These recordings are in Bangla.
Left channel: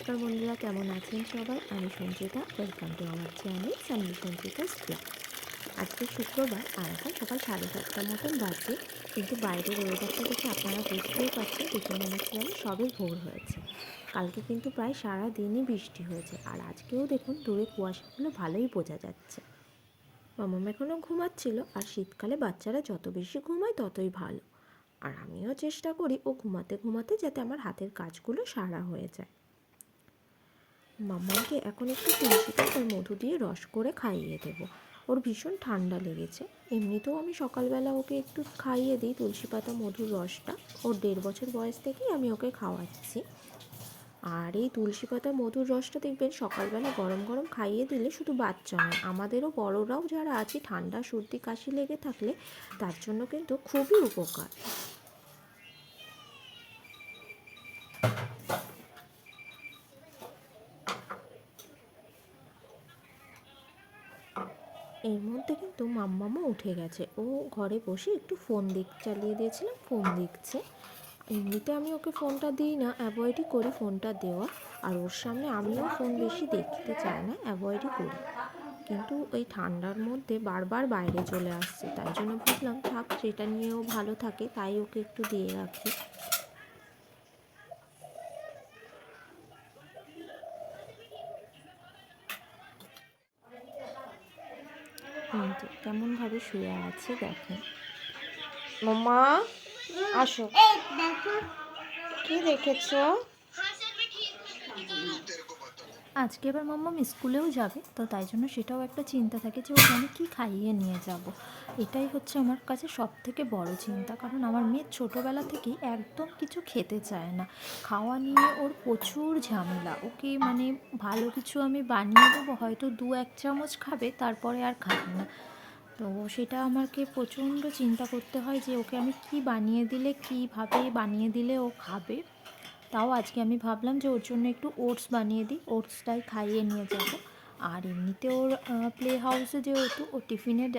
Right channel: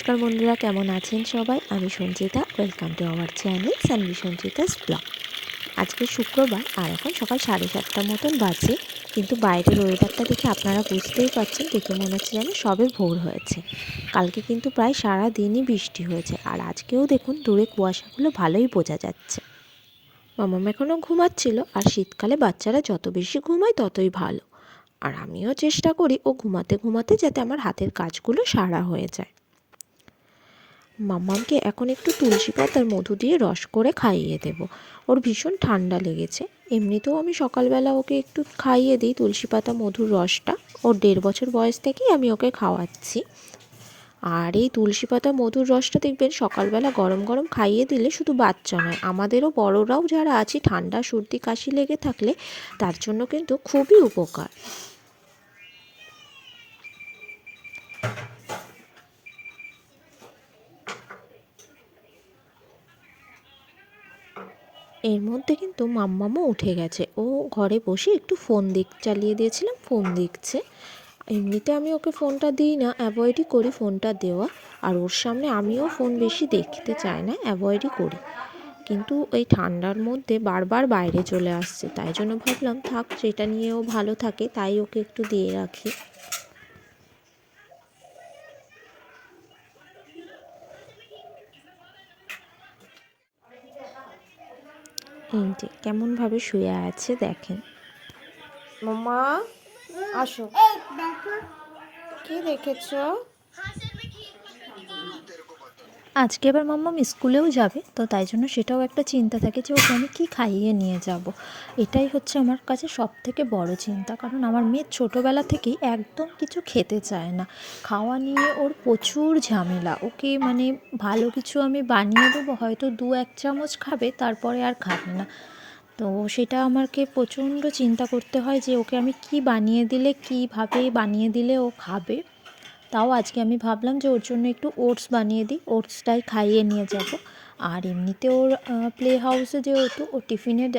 নমস্কার বন্ধুরা, কেমন আছেন সবাই? আমি সঞ্চিতা ওয়েলকাম টু আমার চ্যানেল সানভি সঞ্চিতাস ব্লগ আজকে শুক্রবার, আর এখন সকাল সাড়ে সাতটার মতন বাজে, কিন্তু বাইরের ওয়েদারটা দেখে আপনারা বুঝতেই পারছেন দেখে মনে হচ্ছে যেন সবে ভোর হয়েছে। কালকে কিন্তু প্রায় সারা দিনই বৃষ্টি হয়েছে, আর আজকেও দেখুন দূরে কুয়াশাগুলো ভালোই বোঝা যাচ্ছে। মামাম এখনও ঘুমাচ্ছিল, আর শীতকালে বাচ্চারা যত বেশি ঘুমায় ততই ভালো। আর আমিও চেষ্টা করি ও ঘুমাতে ঘুমাতে যাতে আমার হাতের কাজগুলো সারা হয়ে যায়। মাম্মামকে এখন একটু তুলসী পাতার মধু দিয়ে রস করে খাইয়ে দেব। ওর ভীষণ ঠান্ডা লেগেছে। এমনিতেও আমি সকালবেলা ওকে একটু খাইয়ে দিই তুলসী পাতা মধুর রসটা। ওর দেড় বছর বয়স থেকেই আমি ওকে খাওয়াচ্ছি। আর এই তুলসী পাতা মধুর রসটা দেখবেন সকালবেলা গরম গরম খাইয়ে দিলে শুধু বাচ্চা নয়, আমাদেরও বড়রাও যারা আছি, ঠান্ডা, সর্দি, কাশি লেগে থাকলে তার জন্য কিন্তু খুবই উপকার। এর মধ্যে কিন্তু মাম্মামও উঠে গেছে। ও ঘরে বসে একটু ফোন দিক চালিয়ে দিয়েছিলাম ফোন দেখছে। এমনিতে আমি ওকে ফোনটা দিই না অ্যাভয়েডই করি ফোনটা দেওয়া। আর ওর সামনে আমিও ফোন বেশি দেখতে চাই না অ্যাভয়েডই করি। কিন্তু এই ঠান্ডার মধ্যে বারবার বাইরে চলে আসছে, তাই জন্য ভাবলাম থাক, সেটা নিয়েও ভালো থাকে, তাই ওকে একটু দিয়ে রাখি। এই যে কেমনভাবে শুয়ে আছে দেখেন। মামা আসো। কি দেখেছ? আজকে এবার মাম্মাম স্কুলেও যাবে, তো তাই জন্য সেটাও একটা চিন্তা থাকে যে ওকে আমি কী খাইয়ে নিয়ে যাব। এটাই হচ্ছে আমার কাছে সব থেকে বড় চিন্তা, কারণ আমার মেয়ে ছোটোবেলা থেকেই একদম কিছু খেতে চায় না। খাওয়া নিয়ে ওর প্রচুর ঝামেলা, ওকে মানে ভালো কিছু আমি বানিয়ে দেবো, হয়তো দু এক চামচ খাবে, তারপরে আর খাবে না। তো সেটা আমাকে প্রচণ্ড চিন্তা করতে হয় যে ওকে আমি কি বানিয়ে দিলে, কীভাবে বানিয়ে দিলে ও খাবে। তাও আজকে আমি ভাবলাম যে ওর জন্য একটু ওটস বানিয়ে দিই, ওটসটাই খাইয়ে নিয়ে যাব। আর এমনিতে ওর প্লে হাউসে যেহেতু, ওর টিফিনের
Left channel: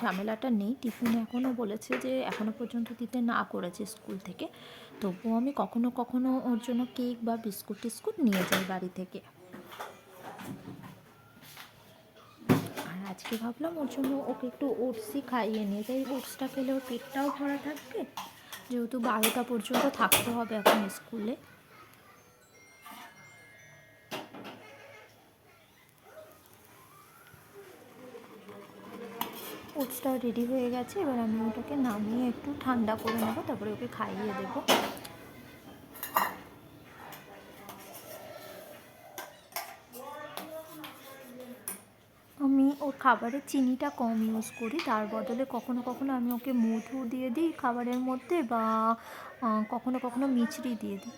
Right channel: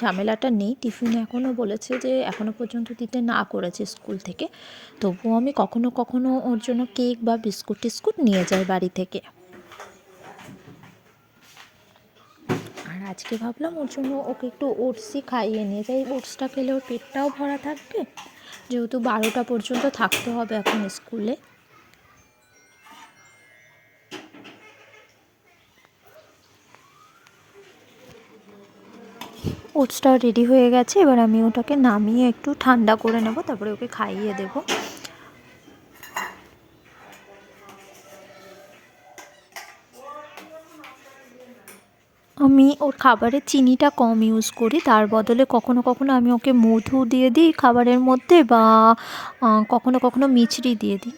ঝামেলাটা নেই। টিফিন এখনও বলেছে যে এখনও পর্যন্ত দিতে না করেছে স্কুল থেকে। তবুও আমি কখনো কখনো ওর জন্য কেক বা বিস্কুট টিস্কুট নিয়ে যাই বাড়ি থেকে। আর আজকে ভাবলাম ওর জন্য ওকে একটু ওটসই খাইয়ে নিয়ে যাই। ওটসটা খেলে ওর পেটটাও ভরা থাকবে। যেহেতু বারোটা পর্যন্ত থাকতে হবে এখন স্কুলে। ওটসটা রেডি হয়ে গেছে। এবার আমি ওটাকে নামিয়ে একটু ঠান্ডা করে নেব, তারপরে ওকে খাইয়ে দেব। আমি ওর খাবারে চিনিটা কম ইউজ করি, তার বদলে কখনো কখনো আমি ওকে মধু দিয়ে দিই খাবারের মধ্যে বা কখনো কখনো মিছরি দিয়ে দিই।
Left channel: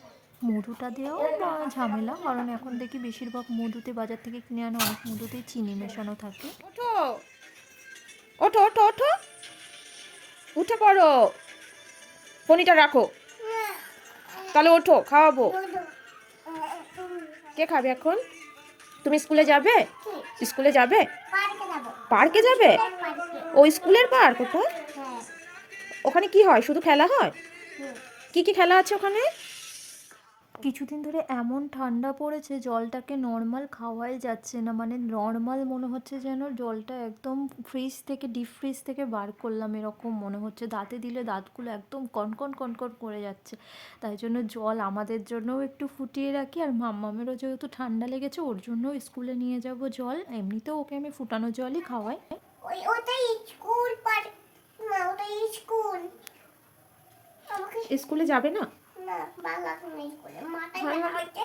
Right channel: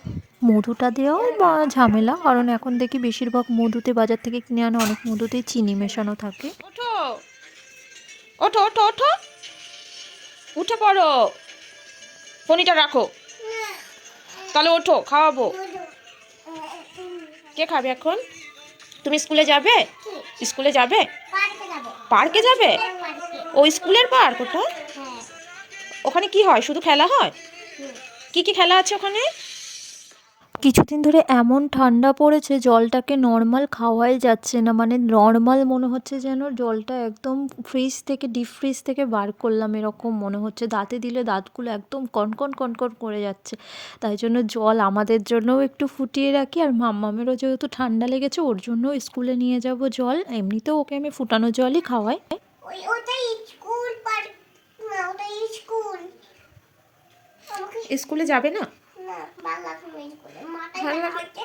মধুটা দেওয়াও বা ঝামেলা, কারণ এখন দেখি বেশিরভাগ মধুতে বাজার থেকে কিনে আনা অনেক মধুতেই চিনি মেশানো থাকে। ওঠো ওঠো ওঠো। উঠে পড়ো। ফোনিটা রাখো। তাহলে ওঠো খাওয়াবো। কে খাবে এখন? তুমি স্কুলে যাবে? স্কুলে যাবে? পার্কে যাবে? ও স্কুলের পার্ক ওটা? ওখানে কি হয়? শুধু খেলা হয়? কি কি খেলা আছে ওখানে? কিছুদিন ধরে এমন ঠান্ডা পড়েছে জলটাকে নর্মাল খাওয়াই যাচ্ছে না। মানে নর্মাল মনে হচ্ছে যেন জলটা একদম ফ্রিজ থেকে ডিপ ফ্রিজ থেকে বার করলাম এরকম মনে হচ্ছে। দাঁতে দিলে দাঁতগুলো একদম কনকন কনকন করে যাচ্ছে। তাই জন্য জল আমাদের জন্যও একটু ফুটিয়ে রাখি আর মাম্মামেরও যেহেতু ঠান্ডা লেগেছে ওর জন্য স্কুলে নিয়ে যাব জল। এমনিতেও ওকে আমি ফুটানো জলই খাওয়াই। ওই ওটাই স্কুল পার না ওটাই স্কুল স্কুলে যাবে না?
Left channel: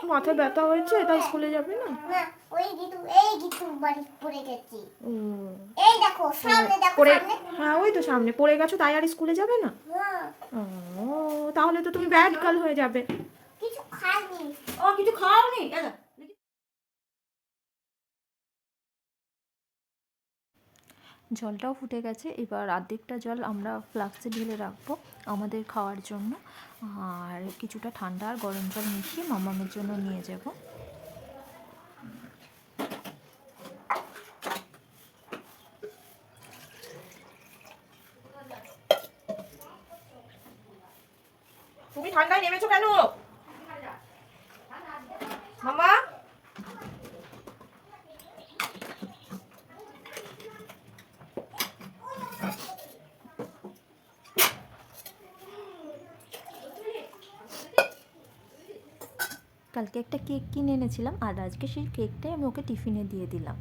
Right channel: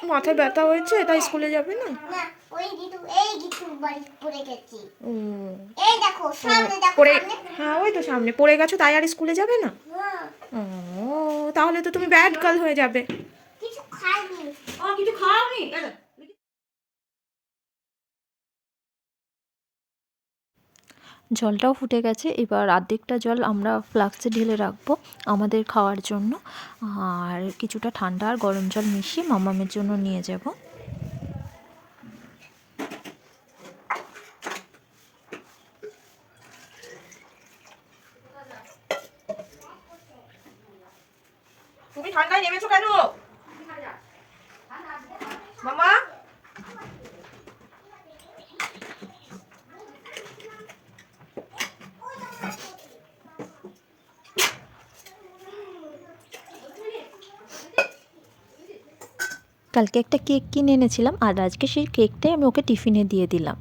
মাথায় ব্যথা হয়েছে তাই স্কুলে যাবে না? পড়ে গেছি। ও। এই দেখো সামনে দেখো পড়ে সামনে। হ্যাঁ ওই তো সামনে পড়ে গেছো তাই আর স্কুলে যাবে না? না, ও তাহলে তো তুমি ব্যাড গার্ল হয়ে যাবে। কিছু খাওনি ও কিছু খাওনি? জলটাও ফুটে গেছে। এবার অর্ধেকটা জল আমরা ফ্লাক্সে ঢেলে রাখব আমাদের খাওয়ার জন্য। আর কিছুটা ঠান্ডা আর গরম জল মিশিয়ে মামামের জন্য নিয়ে যাব। তুমি ঠান্ডায় নেমেছো কেন? মামা? কালকে একটা কেক কিনে এনেছিলাম আর আজকে সেই কেকটাই আমি ওকে টিফিনে দিয়ে দিলাম।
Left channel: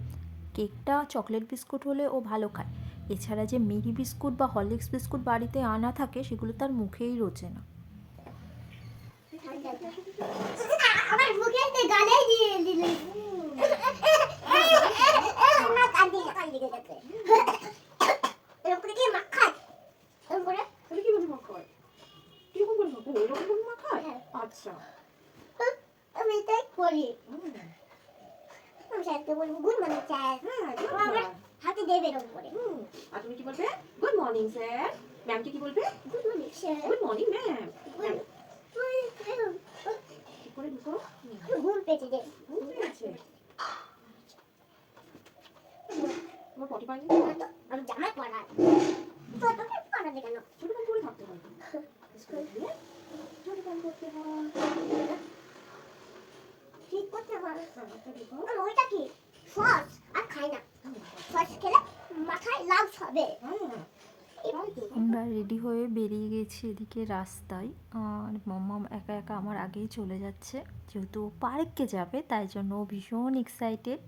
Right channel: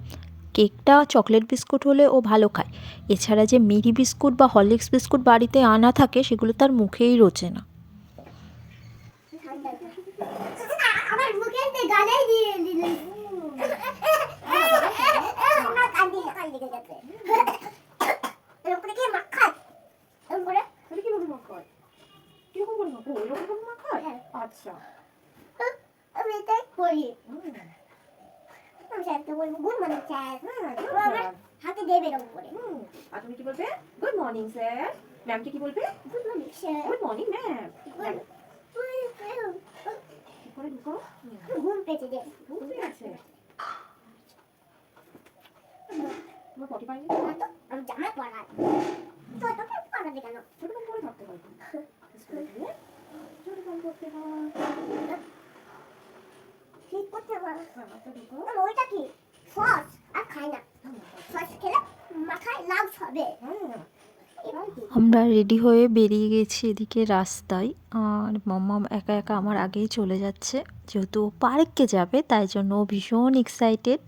কেকটা চকলেট বিস্কুট হলে ও ভালো খায়। এছাড়া যে মেরি বিস্কুট বা হরলিক্স বিস্কুট বাড়িতে আনা থাকে সেগুলো তার মুখেই রোচে না। হ্যাঁ। আচ্ছা। আমি তাই করি। আমি স্যারকে বলব গুড মর্নিং স্যার job. হাতে দেবে এরকম করে। আর তুমি কি বলবে? গুড মর্নিং স্যার ম্যামকে কি বলবে? Good morning sir good morning ma'am কি করে ঢুকো? হুম। ঘুম পেয়েছে যে বুঝতে আছে তোমার পটি পানি আমি জামা পরাই তো তো পরাবে কেন ছোট করে পরে থাকতে হয় স্কুলে গিয়ে ছোট করে করতে হয়। ঠিক করতে পারো ওইটা কি? আর খাই না। খেলে মাথায় লাভ হবে। আমরা রেডি হয়ে বেরিয়ে গেছি এদিকে রাস্তায়। আর মাম্মা একা একা আমার আগেই চলে যাচ্ছে। যেহেতু ও পার্কে যাবে, তাই জন্য ভীষণ এক্সাইটেড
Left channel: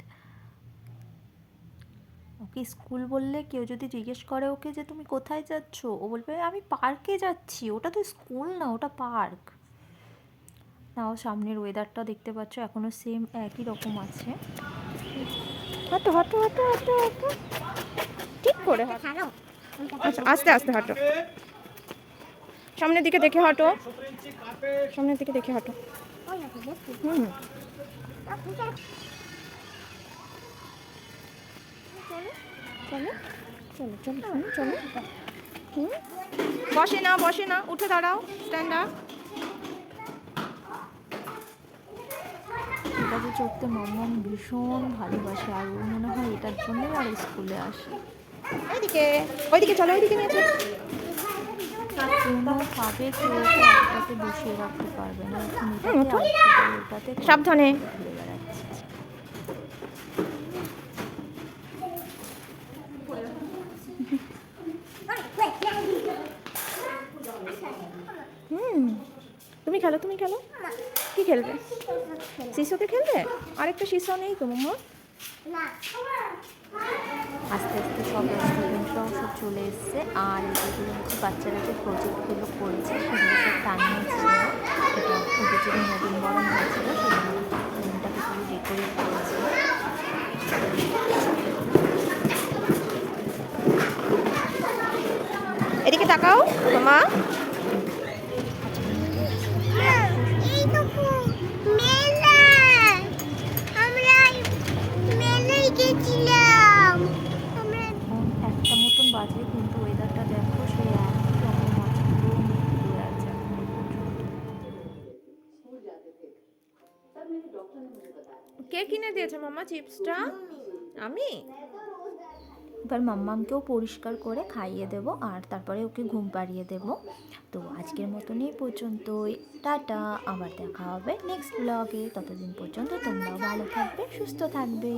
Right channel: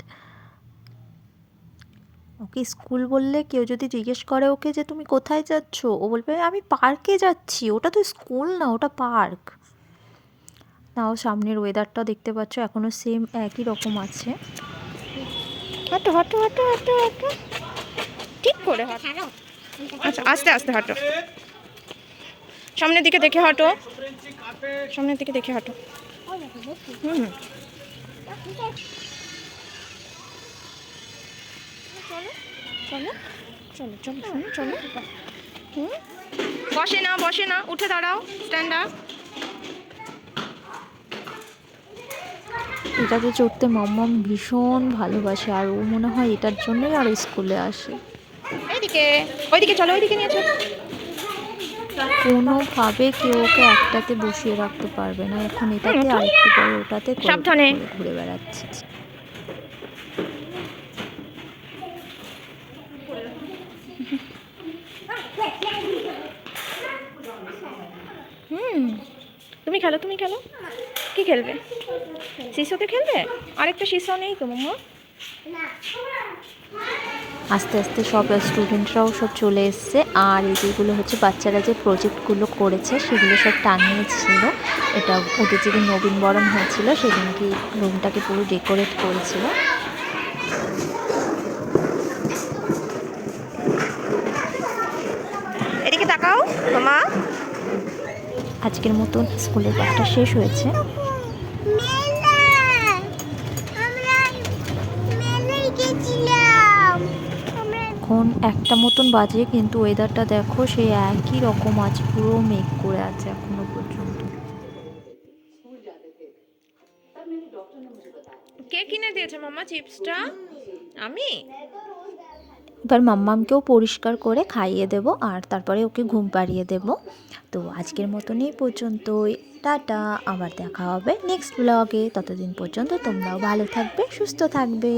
ওকে স্কুল বললে কেউ যদি জিজ্ঞেস করে ওকে যে, তুমি কোথায় যাচ্ছ? ও বলবে, আমি পার্কে যাচ্ছি। ওটা তো স্কুল না, ওটা পার্ক। নাও সামনের ওয়েদারটা দেখতে পাচ্ছ এখনও সেম একই রকম আছে। হাঁটো হাঁটো হাঁটো হাঁটো হাঁটো। ঠিক করে হাঁটো। আচ্ছা আস্তে আস্তে হাঁটো। সামনের দিকে দেখে হাঁটো। সামনের দিকে দেখে হাঁটো। চলো চলো চলো চলো চলো। হুম। বসে না বসে না, উঠে দাঁড়াও স্ট্যান্ড আপ এটাতে চড়তে মাম্মাম ভীষণ ভালোবাসে আর ও মনে হয় এটার জন্যই আর স্কুলে আসে এইদিকে ওইদিকে চলো ওইদিকে নিয়ে চলো কোনোভাবে কেউ ওকে একটাতে বসিয়ে রাখতে পারবে না এখন এটাতে ওঠো। আর একটু পরে ওটাতে সাবধানে। ঘুরে বেড়াচ্ছে হুম তুমি খেলো তুমি খেলো। কি খেলবে? শিশুকে খেলবে? আরেকটা শিশু নেই তো মাম্মা? আস্তে আস্তে সব স্টুডেন্টরাও সব চলে এসছে। আর এই যেগুলো হচ্ছে বাচ্চারা যে প্রজেক্টগুলো করেছে সেগুলো সব টানিয়েছিল এটা ওদের যেদিন নবীনবরণ হয়েছিল সেদিন কি রুমটাকে পুরো ডেকোরেট করেছিল। এদিকে তাকাও মামা আজকের মতন স্কুলের ব্যাপারটা শেষ হয়েছে। এখন একটা মতন বাজে, কিন্তু ওয়েদারটা দেখো সেই একই রকম আছে, পুরো মেঘ করে আছে এখনও পর্যন্ত। কে কিনে দিয়েছে মামা চিপসটা? আমি? এবার মাম্মামকেও পরিষ্কার করে খাইয়ে দেব আর তারপরে ওকে ঘুম পাড়িয়ে দেব। তো আজকের মতন এই পর্যন্তই। টাটা, আবার দেখা হবে নেক্সট ব্লগে ততদিন পর্যন্ত তোমরাও ভালো থাকবে, সুস্থ থাকবে।